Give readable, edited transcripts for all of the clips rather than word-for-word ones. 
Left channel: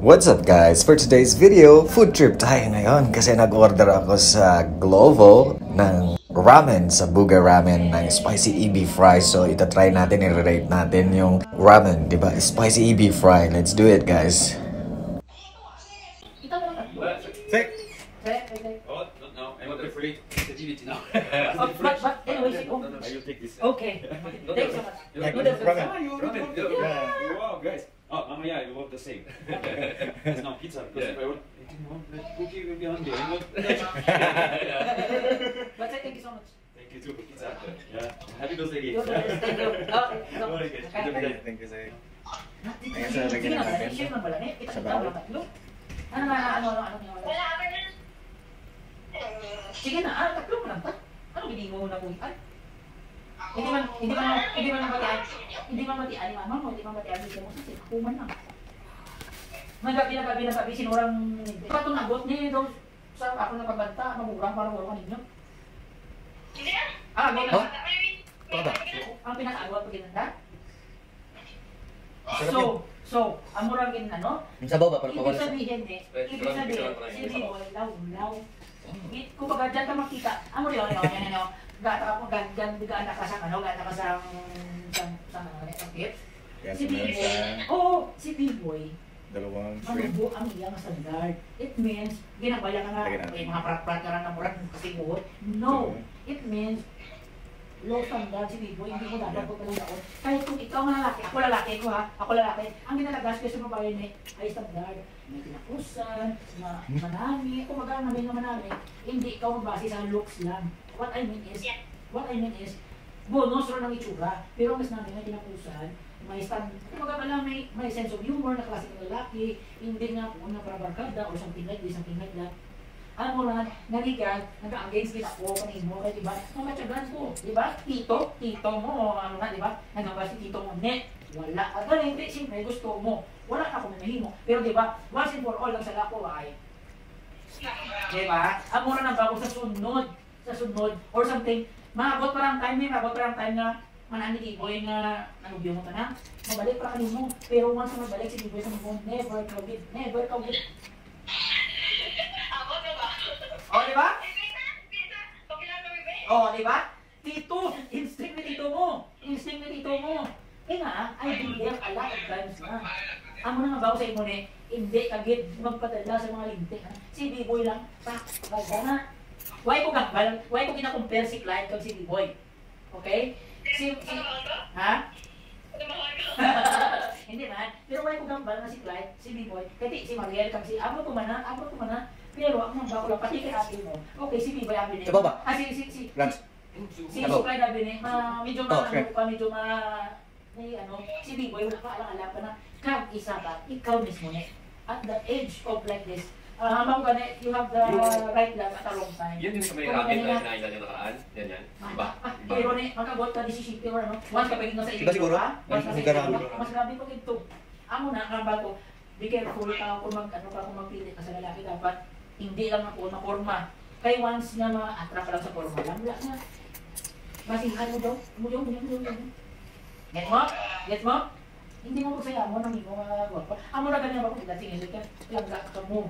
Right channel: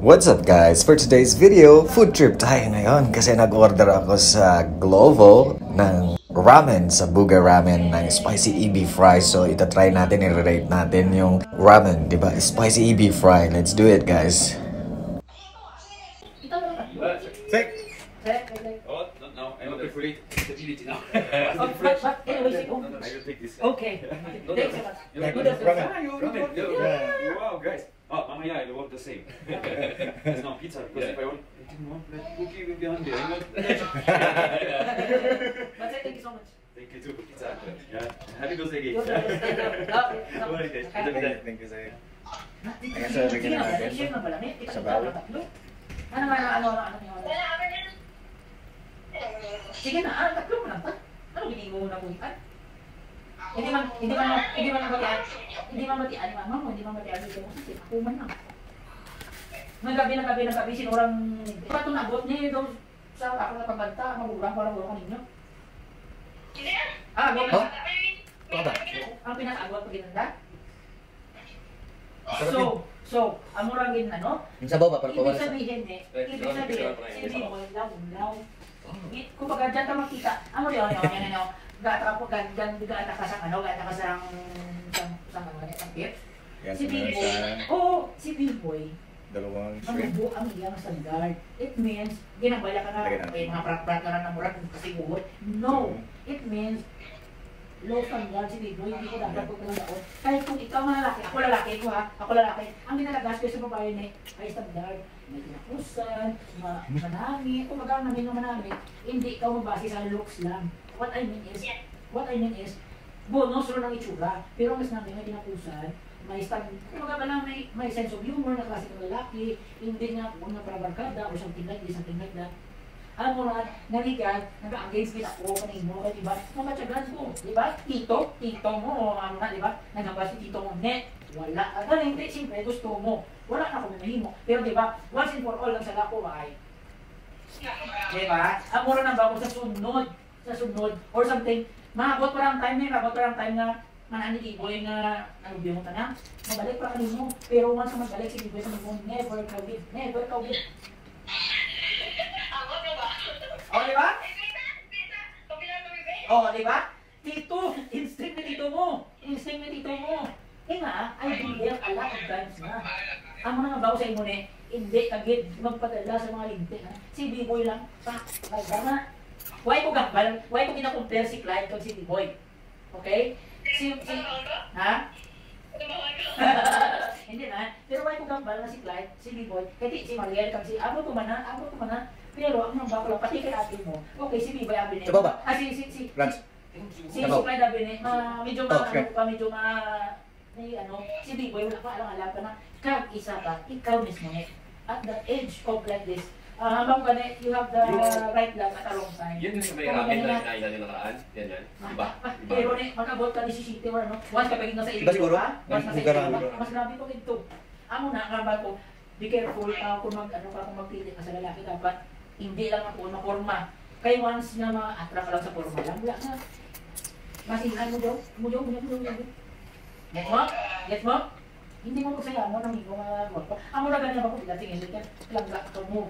What's up guys? For today's video, food trip tayo ngayon kasi nag-order ako sa Glovo ng ramen sa Buga Ramen ng spicy EB fry. So itatry natin, i-rate natin yung ramen, di ba? Spicy EB fry. Let's do it guys. Oh, no, I'm afraid the TV now. But anyway, I will take this. okay. Thanks so much. Wow, guys. Oh, yeah, I love the same. It's not pizza because if I didn't want that cookie will be on there. But thank you so much. Thank you too, pizza. Yeah, happy birthday, You're the guys. best. Thank you sa'yo. Sige na, share na pala. Kita kita ang tatlo. Ano? Sige na, tatlo mo lang. Ano hindi mo na buhitan? Hindi man matian mama mo, hindi man matian dito mo kasi ako man lang. Nagabi sinurang pato nagot ni daw sa ako na pagbanta, mamugrang ko lang ninyo. Go. Ang pinag-agwat ko ginanda. So, amurang gin ano? Yung sabaw ba para Ibig sabihin, hindi mo law. Kumbaga dyan ka makita, amo rin ano, gata ako gandan bigaan na kasang ano, gata ka sa pangkit. Si B-boy, si B-boy, Dalawang manubo ang iyang standard. It means, ginabaya ka na, mga prat-prat na ng murat kasi buhot. No, it means, low standard si B-boy, hindi inadagot ka lang ako. Kahit kung ikaw nga lalaki, ako lalaki, ang ginalagas ko sa babae na ay standard. May tinakusan, manami, kung baga namin naman namin, hindi ikaw mabase sa looks lang. What I mean is, bonus ro ng itsura, pero ang mas namin may tinakusan, may start, kung baga lang may sense of humor na klase ng lalaki, hindi nga kung naprabarkada or something like that. Alam mo na, narigan, nag-against din ako kanino, di ba? Mamatyagan ko, di ba? Tito mo, ano na, di ba? Nagamba si tito mo, wala. Agad hindi, siyempre, gusto mo. Wala na akong mahimo. Pero di ba, once and for all, ang sala ko ay, di ba? Ang mura na ba ako sa sunod, or something, maabot pa lang time nga, manani T-boy na, biyo mo ka na, mabalik pa kanino. Pero once na magbalik si T-boy sa mo, never kawit. O, di ba? O, di ba? Tito, instinct ni tito mo. Kaya nga, I believe a lot of times na. Ang mga bago sa imo ni, hindi kagid magpadala sa mga linte. Si B-boy lang, nagana. Why ko kina-compare si Clyde kung si B-boy? Okay? Ha? Hindi na. Pero why ko gambal na si Clyde, si B-boy, kasi si Mariel kang si abro ko man na. Pero ang mga bakla, pati kay ate mo, okay, si B-boy abi niya. Ba? Si Rans. Clyde abi niya, medyo si B-boy, wala pa alam ka na, isa ka, ikaw mismo niya. At the age of like this, habang ka na, you have the right love at a wrong time. Yun yung sa may racket na sinailan ng nakaraan. Yan. Diba? Pero ni, magkabot ka di si Shitty or ano, once ka pagiging sa Diba siguro? once ka sa mas grabe ko ito. Amo na, nga ba ko, be careful kung magpili ka sa lalaki, dapat hindi lang ako maporma. Kaya once na ma-attract lang sa porma lang, wala na. Masinhan mo daw. Get mo? Hindi mo magsaya mo nang imo nga magpa. Amo na ganyan ako, dating ilit yan. Lagla ka mo.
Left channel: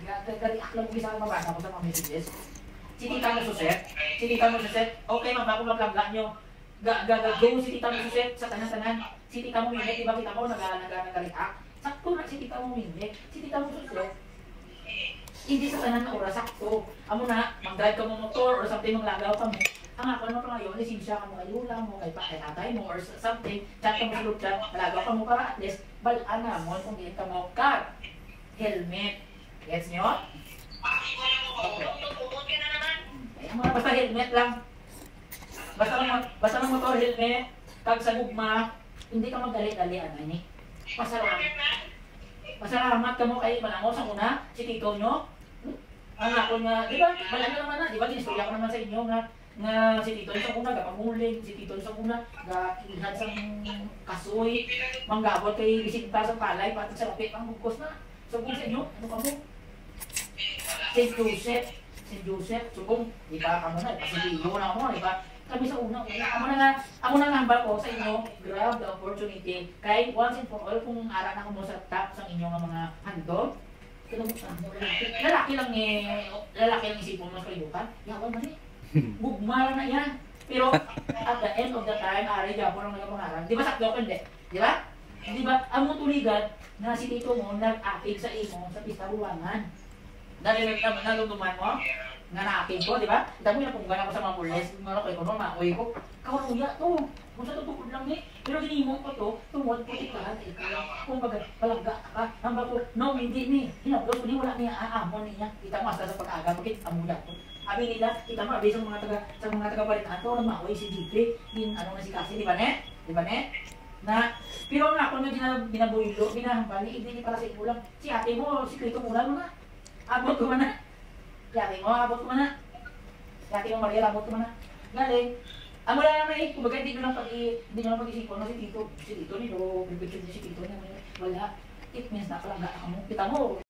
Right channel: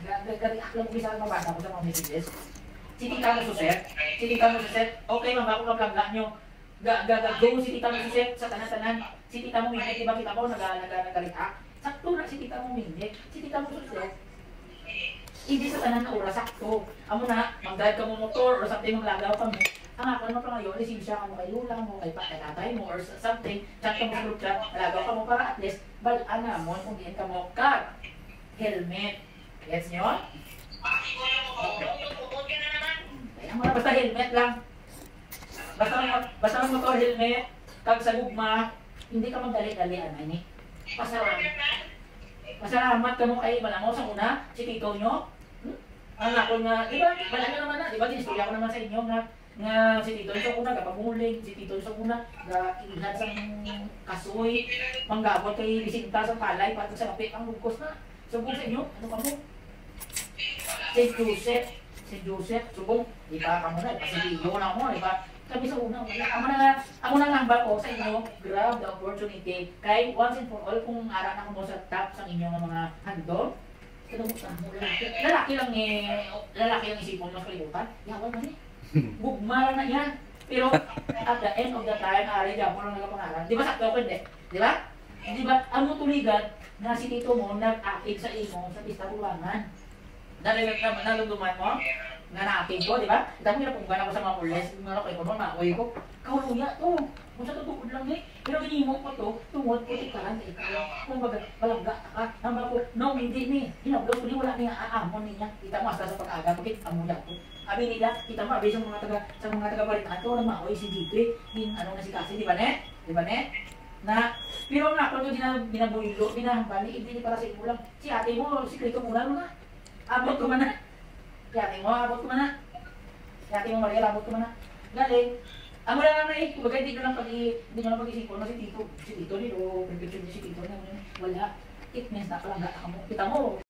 Gariak lang mo bisa mabasa ko sa mga messages. Siti ka na suset. Okay, ako maglagla nyo. Go, siti ka na suset sa tanan-tanan. Siti ka mo minit, iba kita ko nagaliak. Sakto na siti ka mo minit. Siti ka mo suset. Hindi sa tanan na oras, sakto. Amo na, mag-drive ka mo motor or something maglagaw ka mo. Ang ako ano pa ngayon, lisensya ka mo kay lula mo, kay tatay mo or something, chat ka mo sa lutya, malagaw ka mo para at least, balaan na mo, kung hindi ka mo car, helmet. Gets nyo? Okay. Basta helmet lang. Basta lang motor, helmet, kag sa gugma, hindi ka magdali-dalian na ni. Masalamat ka mo kay Malango sa una, si tito nyo. Ang ako nga, malano naman na, diba, dinistorya ko naman sa inyo nga si tito sa una, gapamuling, si tito sa una, iingat sa kasoy, manggabot kay isinta sa palay, patang sa lapit, ang bugkos na. So kung sa inyo, ano ka mo? St. Joseph, subong, di ba ka mo na, kasi ligo na mo, di ba? Kami sa unang, ako na nambal ko sa inyo, grab the opportunity. Kahit once and for all, kung ara na mo sa top sa inyong mga hando, lalaki lang isipon mo sa kalibutan. Yawan man eh. Bugmara na yan. Pero at the end of the time, ari ka mo nang nagapangalan. Di ba sakto ko hindi? Di ba? Di ba? Ang mo tuligan na si Tito mo nag-active sa imo sa pista bulangan. Naluluman mo? Nga na-active ko, di ba? Dami na kung gana ko sa mga pules, mga ko no, maaoy ko. Kawan niya, to. Kung sa tutupod lang eh. Pero ginimo ko to, tungod ko ikahan sa ito. Kung baga, palangga ka. Hamba ko, no, hindi ni. Hinaplos ko ni wala niya aamon niya. Kita mo hasta sa pag-aga, bakit amuda ko. Abi nila, kita mo, abi sa mga taga-balitaan to, na maaoy si Gigri. Ano na si Kasi, di ba ne? Di ba ne? Na, pero nga ako nga binabuilo, binahambali, hindi para sa ito lang. Si ate mo, sikrito mo lang na. Abot ko man na. Si ate mo, abot ko man na. Si ate mo, Maria, abot ko man na. Galing. Amo lang naman eh, kumbaga hindi nyo lang pag-iisipon na si Tito. Si Tito rin, o pagpipin si Tito rin. Wala. It means na kalangga ka mo. Kita mo,